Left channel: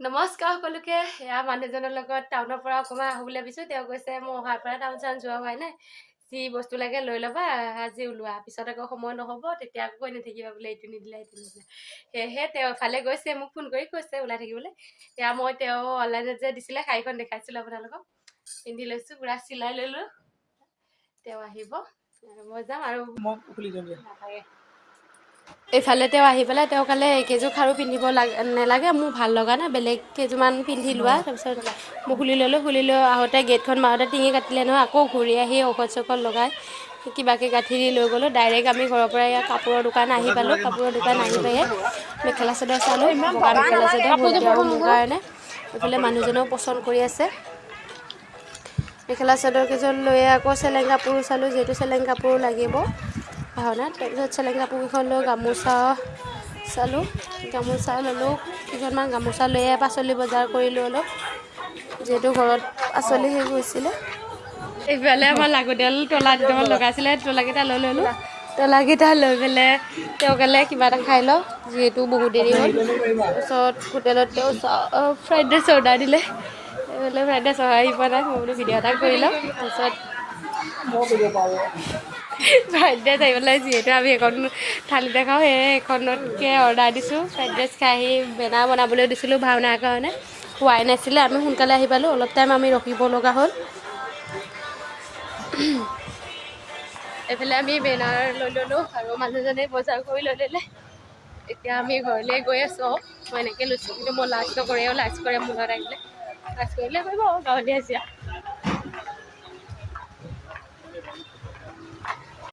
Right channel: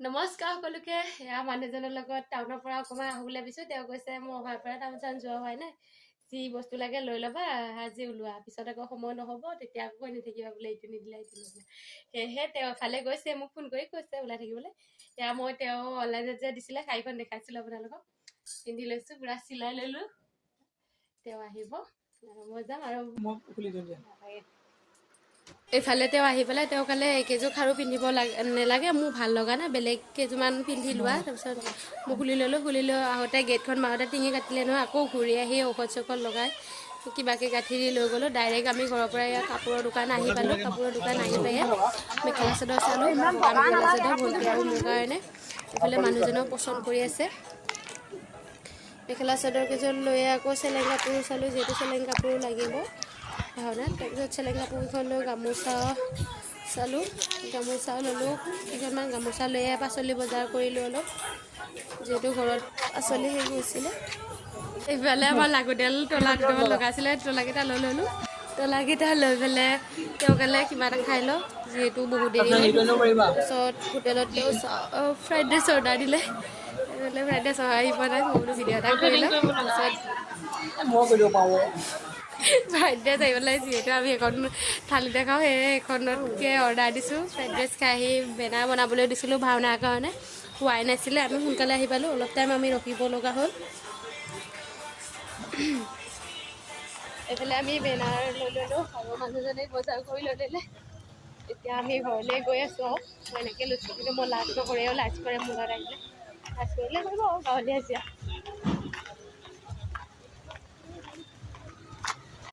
নমস্কাৰ সকলোকে। এয়া মানুহজনৰ লগত টাউনৰ পৰা অকণমান আহো বুলি ভাবিছোঁ। তেওঁ কৈছে মই অহাৰ পৰা টাউন চাউন যোৱা হোৱাই নাই, যি বস্তু লাগে লৈ ল'বা, আজি ওলোৱা, পিছত আকৌ সময় নহ'ব, তেতিয়া আকৌ কৈ নাথাকিবা বোলে এইটো নিদিলে এইটো নিদিলে। সেয়েহে তেওঁ এফালে গৈছে, মোক ফোন কৰি কৈছে ওলাই থাকিবলৈ। এয়া মই তেওঁ অনলাইনত যে দিছিলে শাড়ীখন দেখাইছিলোঁ আপোনালোকক, পিন্ধি লৈছোঁ, পূৰা চিলাই ল'লোঁ। তেওঁ আহিব, মই যাম আৰু নাথাকে। এইফালে তেওঁ আহি পেলাই তেওঁ ক'লে এইকেইযোৰ খাৰু পিন্ধিব নালাগে, মোৰ ভাল লগা নাই, বেলেগ কেইযোৰমান পিন্ধি লোৱা। তাৰপিছত মই খুলি ল'লোঁ, খুলি লৈ আহোঁতে গেটখন মাৰোঁতে টিঙি কাটিলে নহয়, আকৌ ঘূৰি আহি ঔষধ চৌষধ লগাই কিবাকৈ গাঁঠি দি লৈ গ'লোঁ। ডাইৰেক্ট আমি ঘৰৰ পৰা ইয়াত কাপোৰৰ দোকান আহি পালোঁ। কাপোৰৰ দোকান আহি পাই মেখেলা চাদৰ চালোঁ, বগা মেখেলা চাদৰ মোৰ কাৰণে। এইফালে মানুহজনেও পচন্দ কৰি আছে। মেখেলা চাদৰ কেইজন লৈ আকৌ চেলেং কাপোৰ চালোঁ, যিহেতু চেলেং কাপোৰ লাগিব ভাওনাত। তাৰপিছত চেলেং কাপোৰকেইখন লৈ গামোচা চালোঁ, গামোচা ল'লোঁ কেইখনমান। গামোচা লৈয়ে পাচলি বজাৰ কৰিলোঁ অলপ, যিহেতু ঘৰত পাচলি শেষ হৈছিলে। এইফালে আমাৰ লাগতিয়াল তলা দুটামান লগাইছিলে, তলাকেইটা লৈ ল'লোঁ। তলাকেইটা লৈ পেলাই তেওঁ ক'লে কিবা এটা খাই লওঁ, যিহেতু বহুত দেৰি হ'ল। তাৰপিছত হোটেলত তেওঁ ফ্ৰাইড ৰাইচ অৰ্ডাৰ দিলে। বোলে ফ্ৰাইড ৰাইচ আহি পোৱা নাই, মই বোলো ভিডিঅ' এটা কৰি লওঁ। তাৰপিছত ফ্ৰাইড ৰাইচ আহি পেলাই, যিহেতু আমি এখন থালিতে খাওঁ, সেয়ে এখনতকৈ অৰ্ডাৰ দিছোঁ। ফ্ৰাইড ৰাইচ খাই আহি বেনাৰ বনাবলৈ দিছিলোঁ ভাওনাৰ কাৰণে, হোৱাই নাছিলে। আমি সোনকালে আহি পালোঁ, অলপ টাইম আমি ৰখিব লগা হ'ল। এইফালে আমি বেনাৰ লৈ ল'লোঁ আৰু মানুহজনে বজাৰ কৰি লৈ ল'লে। এতিয়া আমি ঘৰলৈ গৈ আছোঁ। মই এনেকৈ লৈছোঁ, কিন্তু মই লাজ নকৰে আৰু লাজ কৰে মূলত আহিলে, লাজ কৰিলে কৰিব গাঁৱলীয়া এতিয়া।